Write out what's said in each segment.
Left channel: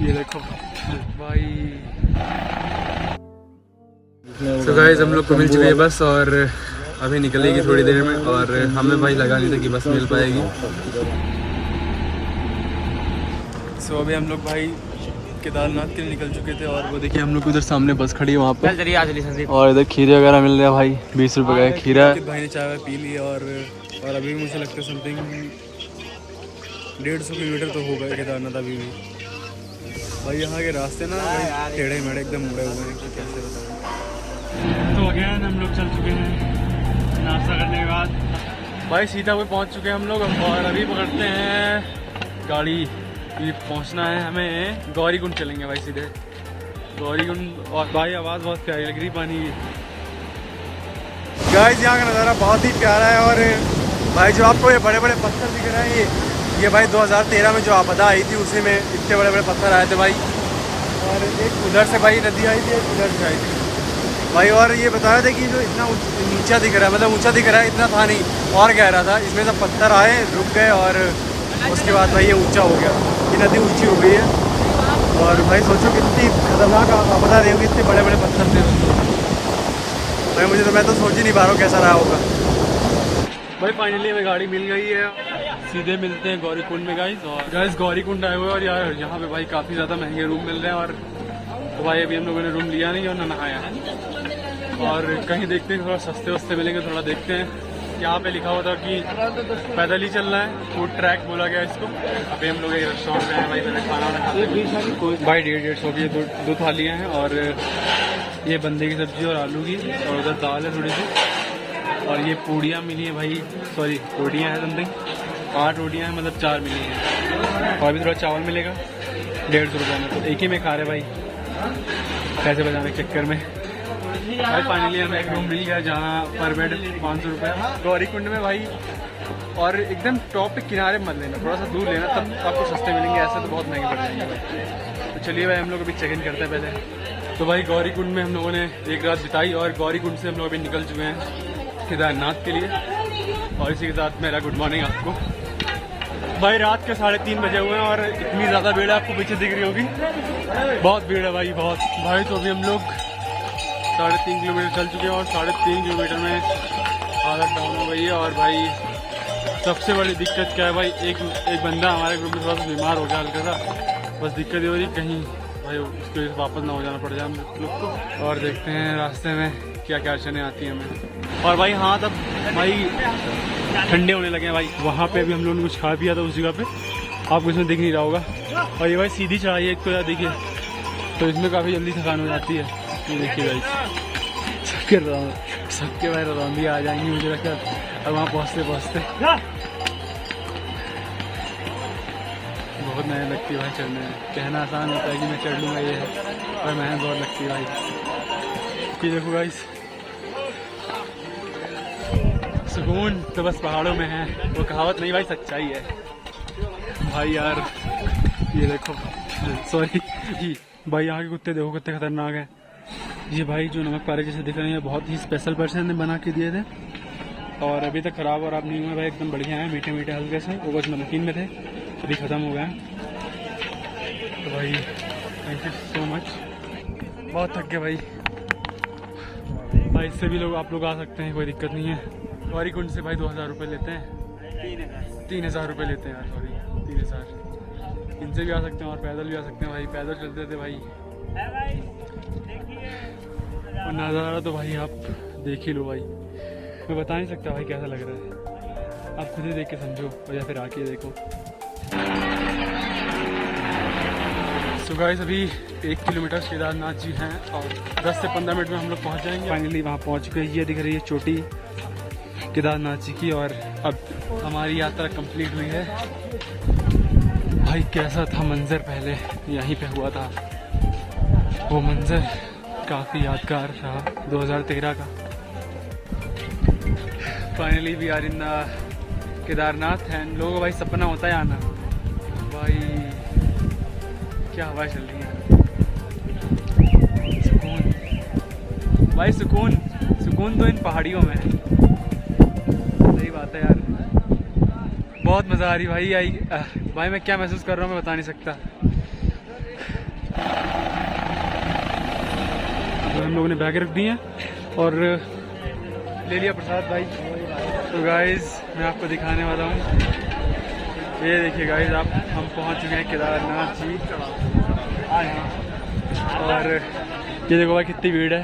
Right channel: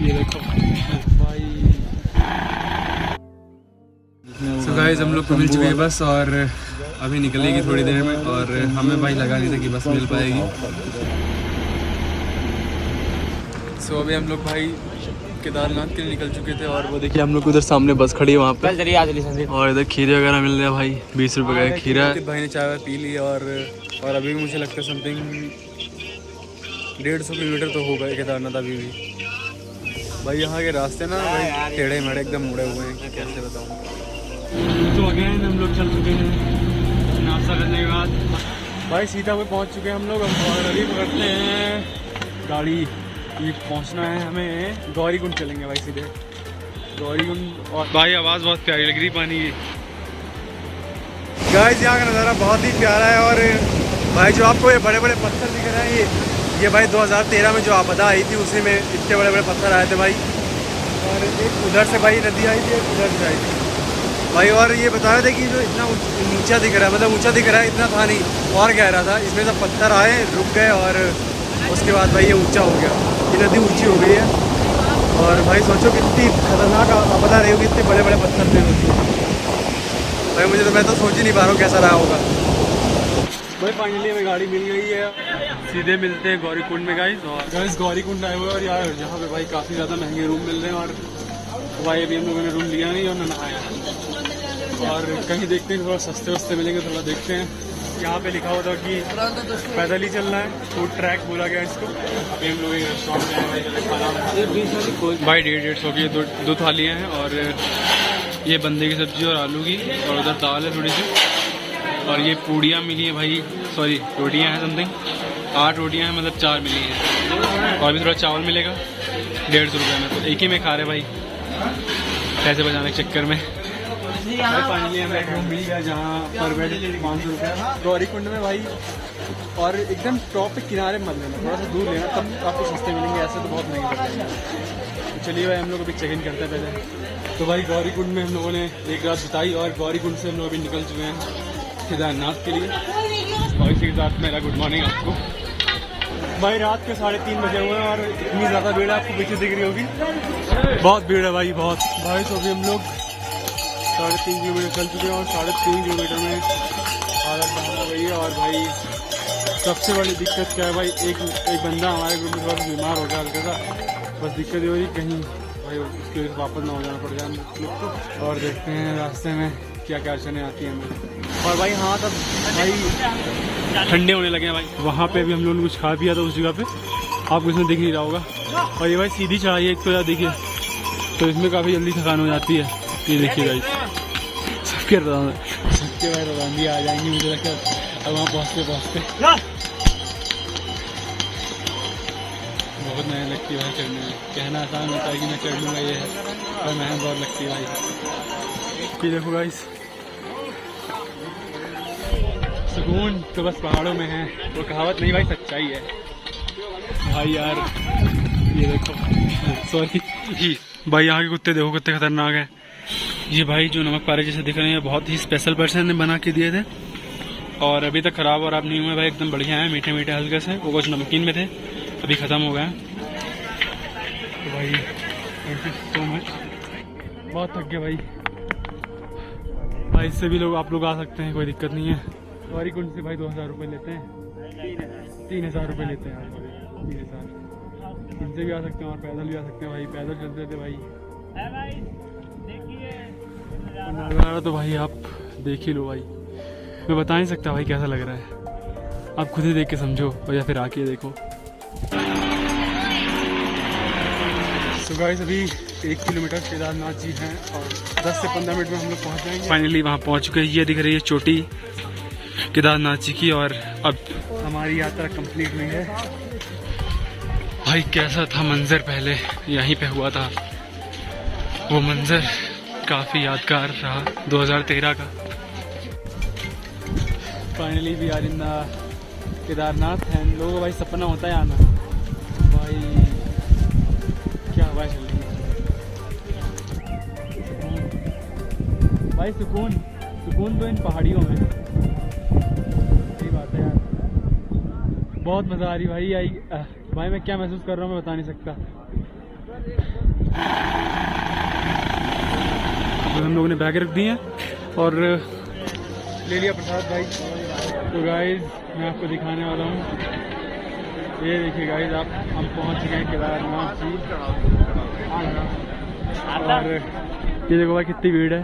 ये देखो भाई। तो गाइस हम लोग को मिल चुकी है बस और अभी निकलेगी थोड़ी देर में और हमें भाई लगा नहीं था कि बस मिल पाएगी। सो अभी हम लोग भाई केदारनाथ के लिए निकल चुके थे और वो देखिए हम लोग उधर सामने बस खड़ी है वहाँ पे और इधर खीरे वगैरह मिल रहे हैं भाई। 20 रुपये का खीरा। भाई ने चाय पी ली और अभी भी मुझे लगता है समथिंग 150 किलोमीटर तो होगा केदारनाथ अभी भी। भाई यहाँ के रास्ते ना भाई टेढ़े मेढ़े एकदम मुड़े हुए हैं कि कैसे बताऊँ। तो अगेन हम लोग चल चुके हैं नाश्ता करने के बाद भाई सीतापुर पहुँच चुके हैं हम लोग और अभी पकड़ते हैं गाड़ी। ये पहुँचना है हमें गौरीकुंड चलेंगे भाई सीधे गौरीकुंड। और भाई आवाज़ बहुत प्यारी लग रही पानी की। गाइस यहाँ का नज़ारा बहुत ही प्यारा है और भाई जो आपको ये बड़े बड़े पत्थर दिख रहे हैं ये भाई 2013 में जो आपदा आई थी उसी में इतने बड़े बड़े पत्थर आए थे भाई। और एक उधर से भाई नदी आई थी एक उधर से आई थी भाई। और ये बता रहे थे कि जो इतना नीचा दिख रहा है मतलब ऊंचा दिख रहा है इतना था नहीं और गहरा था। इसमें सब पत्थर आए रुक गए और उसके बाद भाई ये ऊंचा हो गया। ये नदी ऊंची हो गई है और भाई सोचो कितनी खतरनाक आपदा रही होगी। इतने बड़े बड़े पत्थर थे भाई। मैं तो सोच ही नहीं पा रहा हूँ कैसा रहा होगा भाई। फाइनली हमें गाड़ी मिल गई है सीधे मिलते हैं गौरीकुंड में गाइस गौरीकुंड आए हुए और यार यहाँ पे भाई काफ़ी ज़्यादा महंगे रूम मिल रहे हैं। और तो भाई अभी हम लोगों ने रूम लिया नहीं और न नहाया और कहीं देखते हैं थोड़ा सस्ते वस्ते मिलेंगे थोड़ा देखते हैं। यहाँ पे लिखा हुआ था कि पैदल ही चलना है फूड ट्रैक बोला गया इसको। अभी हम लोग एक रेस्टोरेंट में हैं भाई पहले खाना वाना खाते हैं भाई। 150 की दो थालियाँ हैं और ये बंदे की सब्जी और आलू की और उधर दाल है थोड़ी सी और ये पूड़ियाँ मिली हैं भाई सॉरी रोटियाँ हैं समथिंग 8 रोटियाँ हैं मतलब 4 मिली हैं और भी थोड़ा चावल मिलेगा 150 रुपये में। तो एक ही में खा रहे भाई पैसे बचाने के चक्कर में भाई। फाइनली हमें एक रूम मिल गया जहाँ पर बेड 500 रुपये गौरीकुंड में भाई। और एकदम टॉप पे किनारे मत लेना थोड़ा सा दूर लेना तब आपको सस्ते मिलेंगे। ऐसे तो बहुत महंगे पड़ जाएंगे भाई। तो चलिए भाई हम लोग अभी चेक इन करते हैं पहले। तो भाई गौरीकुंड में हम लोगों ने एक रात बिताई और गौरीकुंड से हम लोग अभी निकल चुके हैं केदारनाथ के लिए। और इसी के साथ मेरा गुड मॉर्निंग आपको। भाई रात के 3:30 बजे हुए हैं और इतनी ज़्यादा भीड़ है आपको पीछे दिख रही होगी। बहुत भीड़ है भाई बहुत। भाई तो अभी हम लोग 3.5 किलोमीटर चल चुके हैं और 3.5 किलोमीटर में हालत डाउन हो गई है। और भाई सबसे बड़ी दिक्कत क्या है भाई एक बंदा हमारे ग्रुप में थोड़ा सा बीमार हो गया हल्का सा। बस दिक्कत ये हो रही कहीं भाई उसके वापस ना हो जाना पड़ जाए हम लोग को। और देखते हैं रास्ते में क्या क्या अड़चने आती हैं हमें। और भाई हाँ तब भाई ठंडे होने लगे हैं भाई। वहाँ पे भी हम लोगों ने कुछ खा पिया था उस जगह पे आपको इसमें दिख नहीं रहा होगा। और ये भाई सीधी चढ़ाई है एक तो यार देखिए तो इसमें काफ़ी जल्दी थकान हो जाती है। ये देखिए भाई सबके भाई रौंदी आ जाएंगी मुझे लगता है अब वहाँ पहुँचते बहुत मेहनत लगती है भाई चढ़ने में। कहना आसान होता है कि मैं चढ़ लूँगा ये है पर मेहनत बहुत लगती है भाई। ये देखो गाइस सुकून तो बस पहाड़ों में है वो कहावत नहीं भाई सच्चाई है भाई। यार ये देखो सॉरी भाई यहाँ के कुत्ते देखो कितने खतरनाक हैं। ये भाई जो नमक पारे जैसे दिख रहे हैं बहुत ही स्पेशल पर्सन ने बना के दिए थे और अभी तक ख़राब और आप नहीं हुए भाई एकदम बढ़िया है। मीठे मीठे हल्के से वो कुछ नमकीन में थे अभी ख़त्म हो गए हैं। तो भाई थैंक यू सो मच। बहुत थक गए भाई इससे भी आप लोग आ सकते हैं कोई दिक्कत नहीं है। गौरीकुंड से भाई 2000 रुपये लेते हैं 3000 रुपये लेते हैं यार सॉरी 3000। इनसे भी आ सकते हैं और पैदल भी आ सकते हैं भाई। पैदल चलते थे भाई नज़ारा तो भाई आप देख ही लो भाई। मैं बता नहीं सकता भाई कैसा लग रहा है। आप खुद ही देख के समझो और या फिर आके देखो। तो गाइस अभी 1 किलोमीटर केदारनाथ जी हैं और 10 से 15 मिनट में हम लोग पहुँच जाएंगे। फाइनली वहाँ पहुँच चुके हैं। ये दिख रही है चोटी केदारनाथ जी की और अब हमारी यात्रा कंप्लीट हुई है। भाई कैसा था मंजर पहले यहीं पे हुआ था वो मंजर काफ़ी यादगार रहा 2013 का। Finally we are in Kedarnath है। लोगों को भाई सपना होता है आना भाई। क्या हवा चल रही है सुकून भाई सुकून तो इन पहाड़ियों में है। सही बात है यार बहुत मज़ा आ रही भाई। भाई मैं क्या महसूस कर रहा हूँ मैं बता नहीं सकता। हम लोगों ने बैग रख दी हैं और ले लिया प्रसाद भाई। तो गाइज मैं आपको दिखाने वाला हूँ, ये देखिए गाइज आप, हम पहुँच चुके हैं केदारनाथ जी। और ये देखो भाई कितनी भीड़ है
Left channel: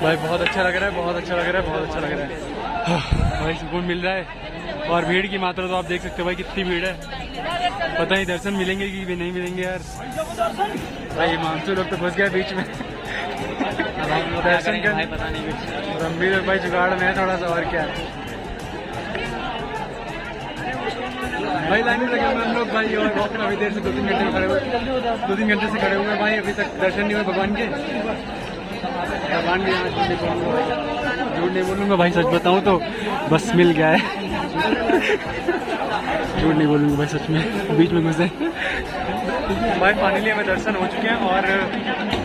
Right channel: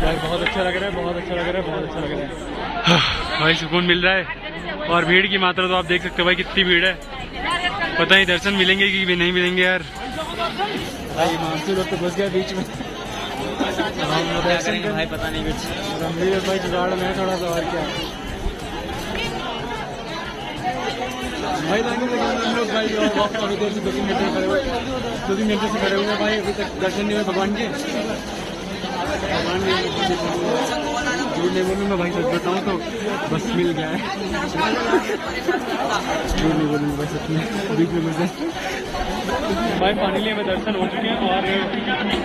भाई, बहुत अच्छा लग रहा है, बहुत अच्छा लग रहा है, बहुत अच्छा लग रहा है भाई, सुकून मिल रहा है। और भीड़ की मात्रा तो आप देख सकते हो भाई कितनी भीड़ है, पता नहीं दर्शन मिलेंगे कि भी नहीं मिलेंगे यार। भाई मानसून लोग तो घुस गया बीच में दर्शन कर, पता नहीं कुछ रणबीर भाई जुगाड़ में है थोड़ा सा, और क्या है भाई। लाइन में लगे हुए हम लोग भाई, और वक्त अभी देर से 2-3 घंटे से खड़े हुए, 2-3 घंटे से खड़े हुए हैं भाई, अभी तक दर्शन नहीं हुए भगवान के। भगवान भी झूठ नहीं बोलूँगा भाई, सच बताऊँ तो बस मिल गया है झूठ नहीं बोलूँगा भाई, सच में बीच में घुसे भाई। फाइनली हमें दर्शन हो चुके हैं और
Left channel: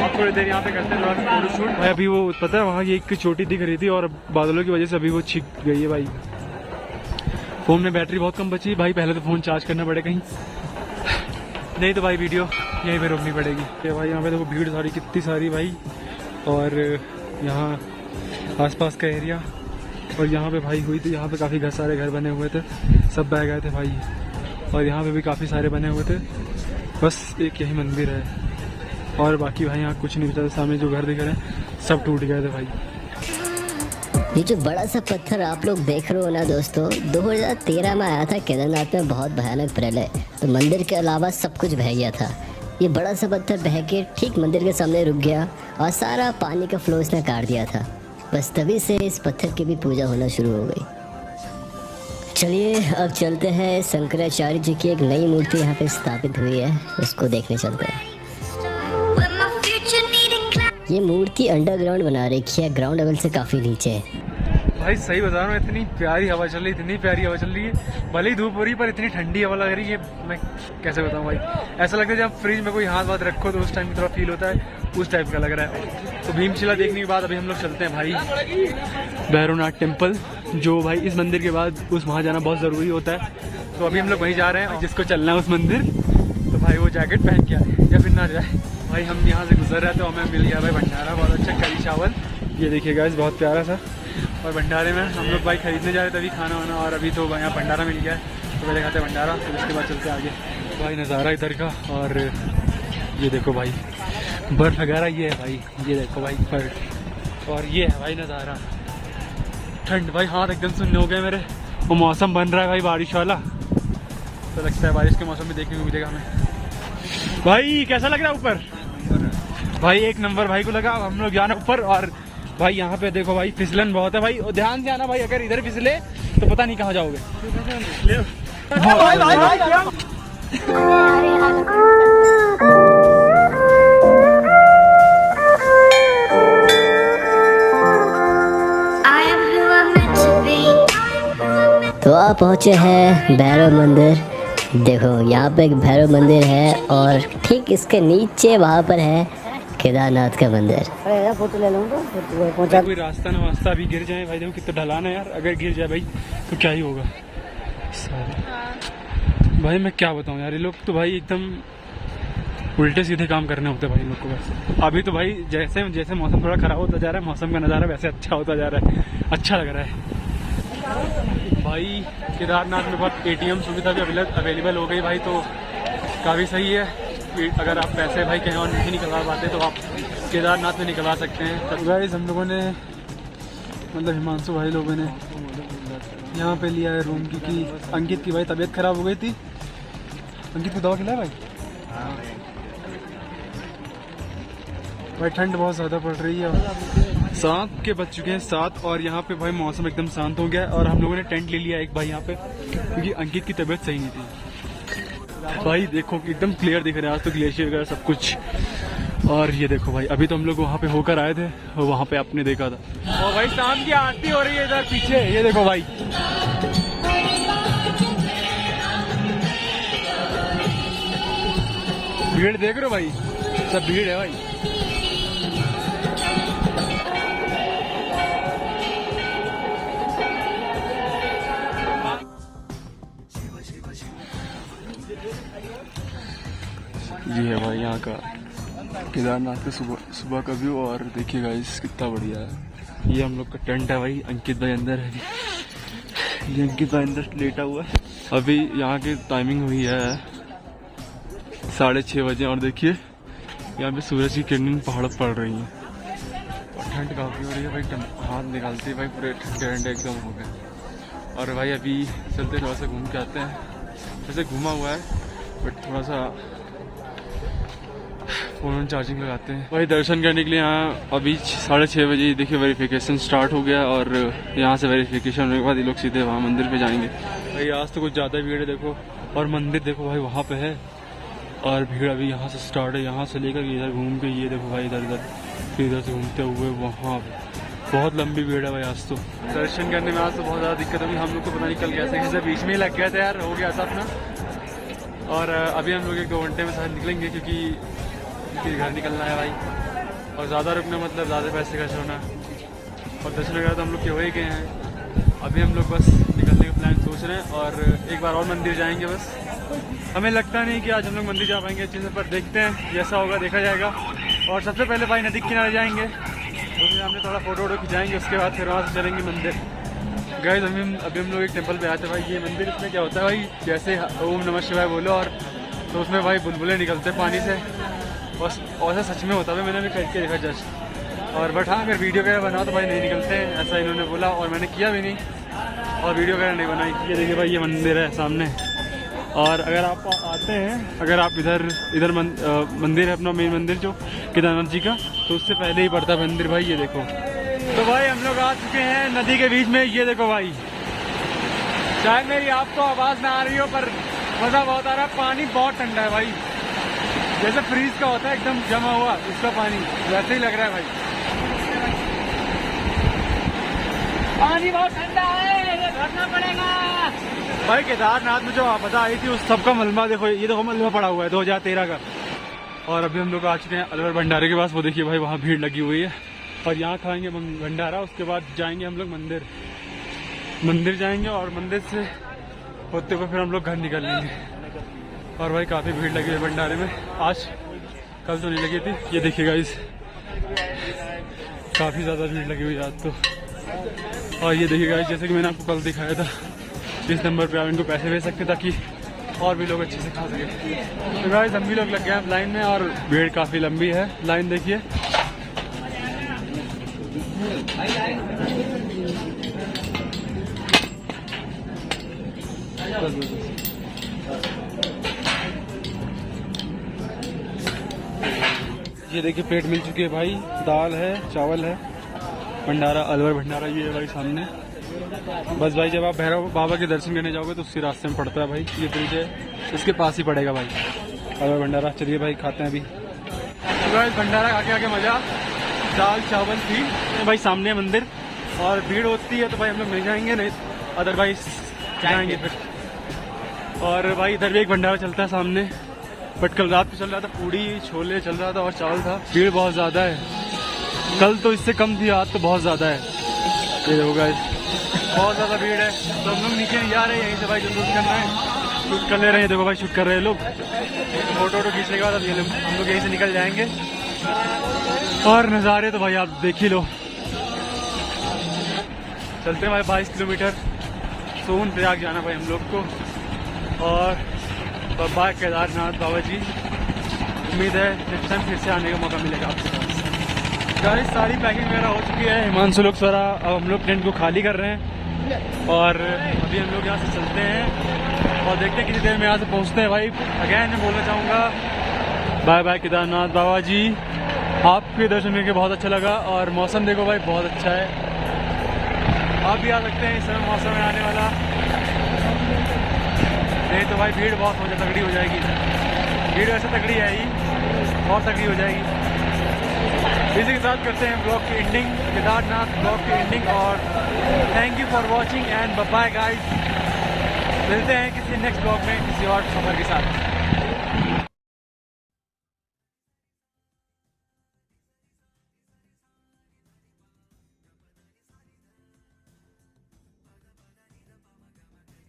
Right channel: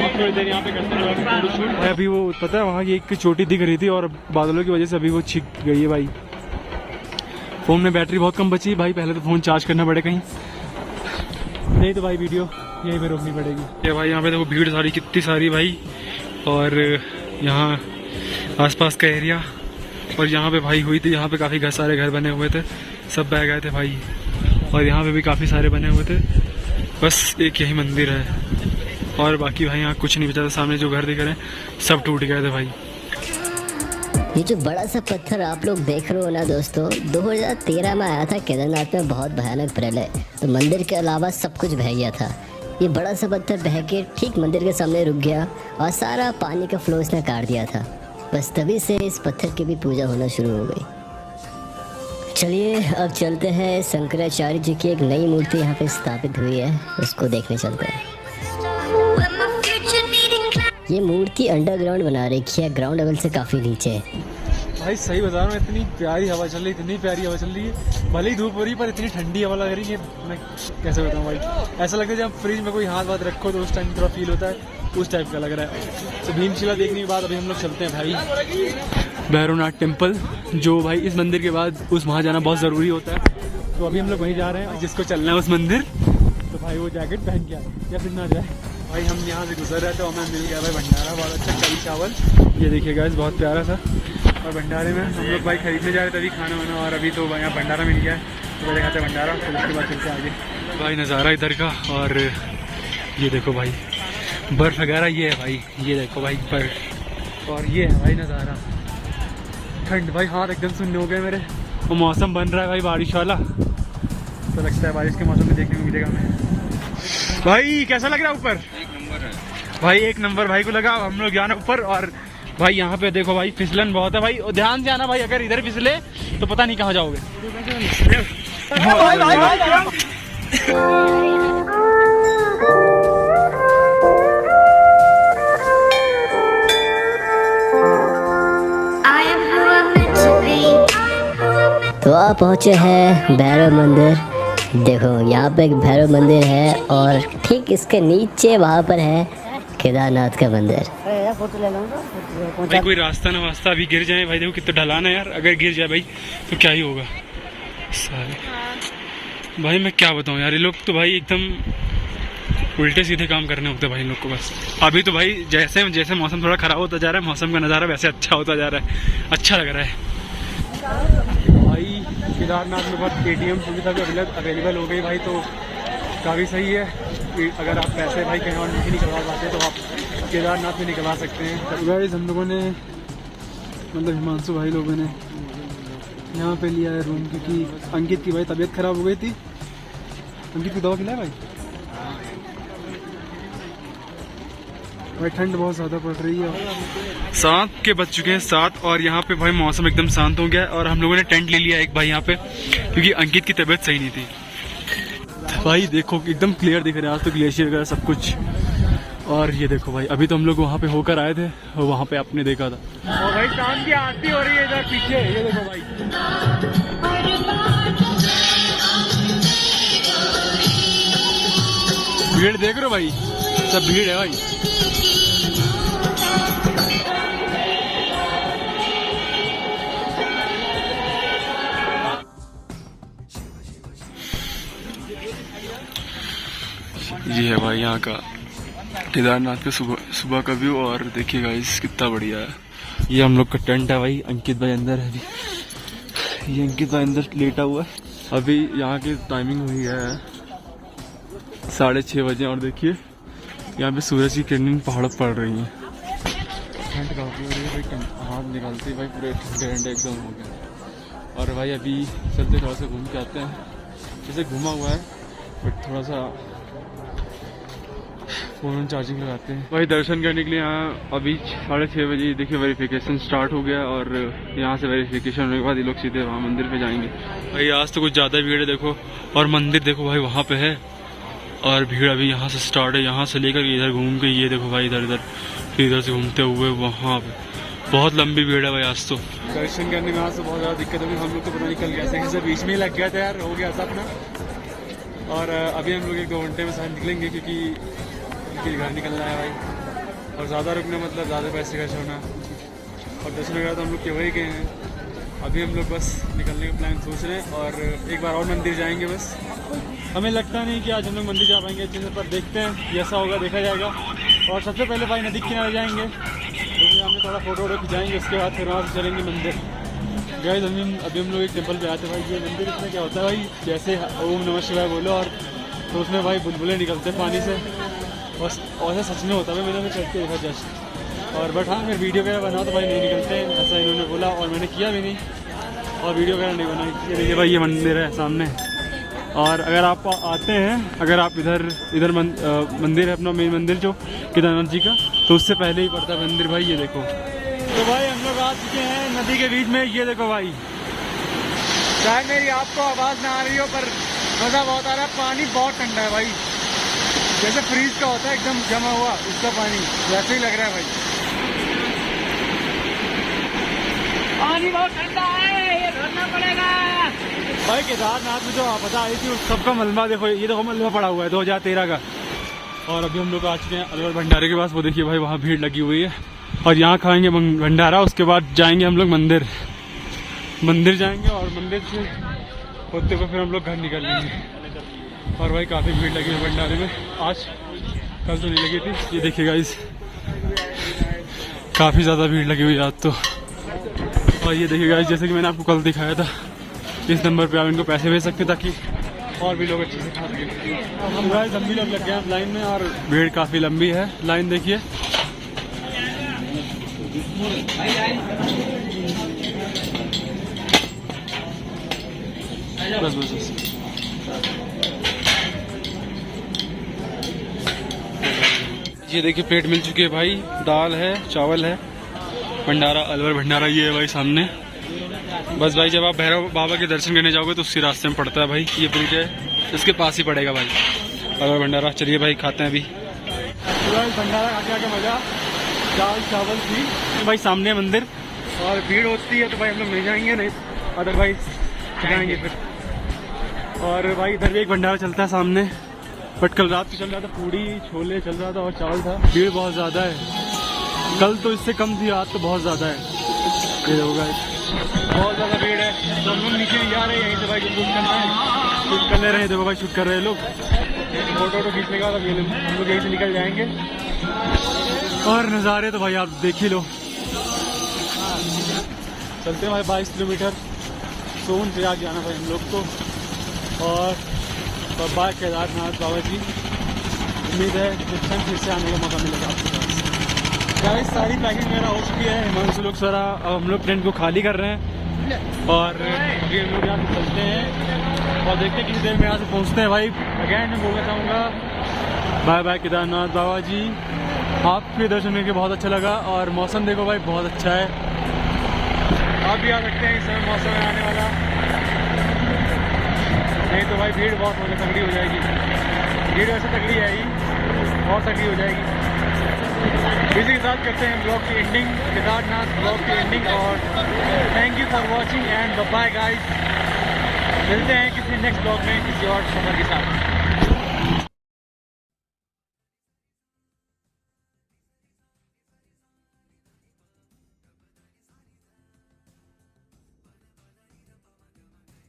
अब थोड़ी देर यहाँ पे करते हैं फोटो शूट भाई। अभी वो पता है वहाँ की एक चोटी दिख रही थी और बादलों की वजह से अभी वो छिप गई है भाई। फ़ोन में बैटरी बहुत कम बची भाई, पहले तो फ़ोन चार्ज करना पड़े कहीं, नहीं तो भाई वीडियो यहीं पे रोकनी पड़ेगी। ये भाई यहाँ पे देखो भीड़ सारी कितनी सारी भाई, और यहाँ आसपास का एरिया, और यहाँ पे भाई हुई थी, यहाँ पे काफ़ी सारे घर बने हुए थे, सब बह गए थे भाई, और यहाँ पे भी काफ़ी सारे बने हुए थे, बस एक यही मंदिर है और बाकी भाई यहाँ कुछ नहीं बचा था। सामने जो घर दिख रहे हैं सब टूट गए थे भाई। ये जो बड़ा सा पत्थर आप लोग देख रहे हो ना दोस्तों, 2013 में आया था केदारनाथ में बहुत भयानक प्रलय, तो मंदिर के अलावा सब कुछ बह गया था। ये बड़ा सा पत्थर बह के ठीक मंदिर के सामने रुक गया और सारा पानी का फ्लो इसने काट दिया था, बस तभी से इस पत्थर की भी पूजा होना शुरू हो गई। चलिए अब चलते हैं, शंकराचार्य जी की एक नई मूर्ति यहाँ पे स्थापित हुई है, उसको देखने चलते हैं। ये मूर्ति अंडरग्राउंड बना रखी है, ग्राउंड लेवल से काफ़ी नीचे है भाई। सही बता रहा हूँ, इतनी प्यारी हवा चल रही है, इतनी प्यारी हवा चल रही है, भले ही धूप हो रही है पर इतनी ठंडी हवा लग रही है, मैं कैसे बताऊँ भाई। ऐसा लगता है जब फ्रिज में कोई हाथ वाथ रखो तो उस टाइम थोड़ा फील होता है, उस टाइप का लग रहा है। तो भीमशिला देखने के बाद अभी हम लोग चलते हैं भाई भैरवनाथ टेम्पल, जो भाई इस मंदिर के बाद उस वहाँ जाना बहुत ज़रूरी होता है, तो अभी हम लोग वहीं जा रहे हैं। जिसको चलना है उस मंदिर तो भाई वो जैकेट पहन के आए या फिर ना जाए भाई। हम यहाँ से गुजर रहे थे और हमें मिल गया भाई भंडारा, बहुत अच्छा करी चावल, ये देखिए गाइस बहुत प्यारा था। और भंडारे में हम लोग भाई खरीदने जा रहे थे अभी खाना वाना, और अभी तो यहाँ भंडारा मिल गया है, तो पहले खाते हैं भंडारा, फिर उसके बाद चलते आगे भाई। नज़ारा इधर का, और ये देखो भाई बर्फ़ वगैरह, ये है भाई, ये देखो भाई बर्फ़, और ये है भाई नज़ारा। ठंड भाई, हाथ एकदम सुनने हो गए मेरे। वो मौसम बन रहा है भाई बारिश वाला, तो लगता है बारिश के मौसम में देखने को मिलेगा हमें। भाई कैसा लग रहा है ऊपर? एक नंबर है भाई, एक नंबर भाई को लगा। हम लोग जाना ऊपर, और भाई यहाँ पे देखो भाई फिसलन बहुत है भाई, और ध्यान से आना भाई, अगर इधर फिसले तो पता नहीं कहाँ जाओगे। भाई, भाई, भाई, तो आप पहुँचे हैं भैरव मंदिर। देखो यहाँ पे एक भैरव मंदिर है और ठीक इसके नीचे वहाँ पर है केदारनाथ का मंदिर। भाई कोई रास्ता ना वास्ता अभी गिर जाए भाई, देखो कितना ढलान है यार, अगर गिर जाए भाई तो क्या ही होगा सारे। भाई मैं क्या बताऊँ यार, ये लोग तो भाई एकदम उल्टे सीधे काम करने होते हैं भाई लोग को बस। अभी तो भाई जैसे जैसे मौसम थोड़ा ख़राब होता जा रहा है, मौसम का नज़ारा वैसे अच्छा होता जा रहा है, अच्छा लग रहा है भाई। केदारनाथ में बहुत ATM सुविधा भी अवेलेबल हो गई भाई, तो काफ़ी सही है। अगर आप पैसे भाई कहीं और नहीं निकलवा पाते तो आप केदारनाथ में निकलवा सकते हैं। तो गाइस हम लोगों ने, मतलब हिमांशु भाई लोगों ने यहाँ पे लिया है रूम, क्योंकि अंकित की भाई तबीयत ख़राब हो गई थी। अंकित को दवा खिलाया भाई? भाई ठंड बहुत ज़्यादा पड़ रही है। 7 के बज चुके हैं 7, और यहाँ पे भाई मौसम एकदम शांत हो गया, और हम लोगों ने टेंट ले लिया एक भाई यहाँ पे, क्योंकि अंकित की तबीयत सही नहीं थी भाई। देखो एकदम क्लियर दिख रहा है आज तो, ग्लेशियर वगैरह सब कुछ। और ये देखो भाई, अभी तो हम लोग वहाँ पे होकर आए थे और वहाँ पे आपने देखा था। और भाई शाम की आरती हो रही है इधर पीछे, ये देखो भाई। भीड़ देख रहे हो भाई, सब भीड़ है भाई। ये है भाई यहाँ का केदारनाथ के सुबह का व्यू। और देखिए गाइस कितना बढ़िया है। ये हम लोग का टेंट है भाई। अंकित भाई अंदर है अभी। ये अंकित भाई अंदर लेटा हुआ है। अभी यहाँ की टाइमिंग हुई है 6:30 बजे और देखिए यहाँ पे सूरज की किरणें पहाड़ों पर पड़ रही हैं और ठंड काफ़ी हो रही है भाई। हाथ निकालते ही भाई पूरे ठंडे ठंडे एकदम हो गए। और भाई अभी चलते थोड़ा सा घूम के आते हैं। वैसे घूमा हुआ है बट थोड़ा सा फ़ोन चार्जिंग लगाते हैं भाई। दर्शन करने के लिए यहाँ अभी 6:30 बजे देखिए वेरिफिकेशन स्टार्ट हो गया और यहाँ से वेरिफिकेशन होने के बाद ये लोग सीधे वहाँ मंदिर पे जाएंगे भाई। आज तो कुछ ज़्यादा भीड़ है देखो। और मंदिर देखो भाई वहाँ पे है और भीड़ अभी यहाँ से स्टार्ट है। यहाँ से लेकर इधर घूम के ये देखो भाई इधर फिर इधर से घूमते हुए वहाँ पे बहुत लंबी भीड़ है भाई। आज तो दर्शन करने में आज तो बहुत ज़्यादा दिक्कत होगी। हम लोग तो पता नहीं कल कैसे बीच में ही लग गया था यार, हो गया था अपना। और अभी हम लोग 1-2 घंटे में शायद निकलेंगे क्योंकि घर निकलना है भाई। और ज़्यादा रुकना मतलब ज़्यादा पैसे खर्च होना। और दर्शन वगैरह तो हम लोग के हो ही गए हैं। अभी हम लोग बस निकलने का प्लान सोच रहे हैं और एक बार और मंदिर जाएंगे बस। हमें लगता नहीं कि आज हम लोग मंदिर जा पाएंगे अच्छे से, पर देखते हैं जैसा होगा देखा जाएगा। और सबसे पहले भाई नदी के किनारे जाएंगे, उसमें हमने थोड़ा फोटो खिंचाएंगे, उसके बाद फिर वहाँ से चलेंगे मंदिर। गाइस अभी हम लोग एक टेम्पल पे आए थे भाई। ये मंदिर इसमें क्या होता है भाई, जैसे ओम नमः शिवाय बोलो और तो उसमें भाई बुलबुलें निकलते हैं पानी से। और ऐसा सच में होता है, मैंने भी करके देखा जस्ट। और बट हाँ अगर वीडियो वगैरह बनाओ तो भाई नहीं निकलते हैं, ऐसा इन्होंने बोला और मैंने किया भी नहीं और वीडियो वगैरह नहीं बनाई। ये देखिए भाई ये मंदिर है सामने। और अगर आप आते हैं, अगर आप इधर मंदिर है अपना मेन मंदिर जो केदारनाथ जी का, तो उससे पहले ही पड़ता है मंदिर भाई। ये देखो तो भाई हम लोग आ चुके हैं नदी के बीच में। ये देखो भाई, शायद मेरी आपको आवाज़ ना आ रही हो पर मज़ा बहुत आ रहा है। पानी बहुत ठंडा है भाई, जैसे फ्रीज का होता है एकदम जमा हुआ उसका पानी, वैसे ही लग रहा है भाई। पानी बहुत ठंडा है, ये धरना पड़ेगा भाई। केदारनाथ में जो आपदा आई थी उस सबका मलबा देखो, ये देखो मलबा पड़ा हुआ है 2013 का। और अभी हम लोग आ चुके हैं अलवर भंडारे के पास। वो देखिए भाई वहाँ भीड़ लगी हुई है और यहाँ खाएंगे भंडारा। उसके बाद जाएंगे हम लोग मंदिर जाएंगे और मंदिर से होते हुए फिर हम लोग घर निकलेंगे। और भाई काफ़ी भीड़ लगी है भंडारे में आज, कल तो नहीं लगी थी। ये देखिए गाइस काफ़ी ज़्यादा भीड़ लगी हुई है आज तो। और ये देखिए गाइस जैसे कि मैंने आपको कल दिखाया था, इस नंबर पे आप इनको पैसे भेज सकते ताकि और भी लोग अच्छे से खा सकें। तो गाइस हम भी लोग लग गए हैं लाइन में और भीड़ काफ़ी लंबी है। लाइन देखिए बस। ये देखिए प्लेट मिल चुकी है भाई, दाल है, चावल है, भंडारा अलवर भंडारा ये है भाई सामने। बस भाई जब आप भैरव बाबा के दर्शन करने जाओगे तो उसी रास्ते में पड़ता है भाई। ये ब्रिज है, इसके पास ही पड़ेगा भाई अलवर भंडारा। चलिए भाई खाते हैं अभी। तो भाई भंडारा खा के आके मजा, दाल चावल थी तो भाई सामने मंदिर। और भीड़ होती है तो भाई हम लोग नहीं जाएंगे, नहीं अदरवाइज जाएंगे फिर। और भाई इधर भी एक भंडारा चलता है सामने, बट कल रात को चल रहा था पूड़ी छोले चल रहा था और चावल था। भीड़ बहुत ज़्यादा है, कल तो इससे कम थी, आज तो बहुत ज़्यादा है। ये देखो गाइस बहुत ज़्यादा भीड़ है। तो हम लोग नीचे नहीं जा रहे हैं, यहीं से भाई जो शूट करना है शूट करने रहे। देखो भाई शूट कर रहे हैं लोग। फोटो खींचने के बाद अब ये हम लोग यहीं से निकल जाएंगे। और नज़ारे तो भाई आप देख ही लो। चलते हैं भाई 22 किलोमीटर सोन प्रयाग जाना भाई हम लोग को। और बाबा केदारनाथ बाबा जी, उम्मीद है नेक्स्ट टाइम फिर से आने का मौका मिलेगा आपके पास। गाइस सारी पैकिंग वगैरह हो चुकी है, हिमांशु लोग सारा। अब हम लोग टेंट को खाली कर रहे हैं और अभी हम लोग यहाँ से चलते हैं और देखते हैं कितनी देर में यहाँ से पहुँचते हैं भाई। अगैन मैं बोलना चाहूँगा बाय बाय केदारनाथ बाबा जी। आपके दर्शन करके बहुत अच्छा लगा। और मौसम देखो भाई बहुत अच्छा है, आप भी आ सकते हैं इस समय मौसम में आने वाला। नहीं तो भाई भीड़ बहुत तगड़ी हो जाएगी। भीड़ वैसे तगड़ी है ही, बहुत तगड़ी हो जाएगी। इसी के साथ करते हैं ब्लॉग की एंडिंग, केदारनाथ ब्लॉग की एंडिंग। और thank you for watching and bye guys. मिलते हैं किसी नेक्स्ट ब्लॉग में किसी और सफर के साथ।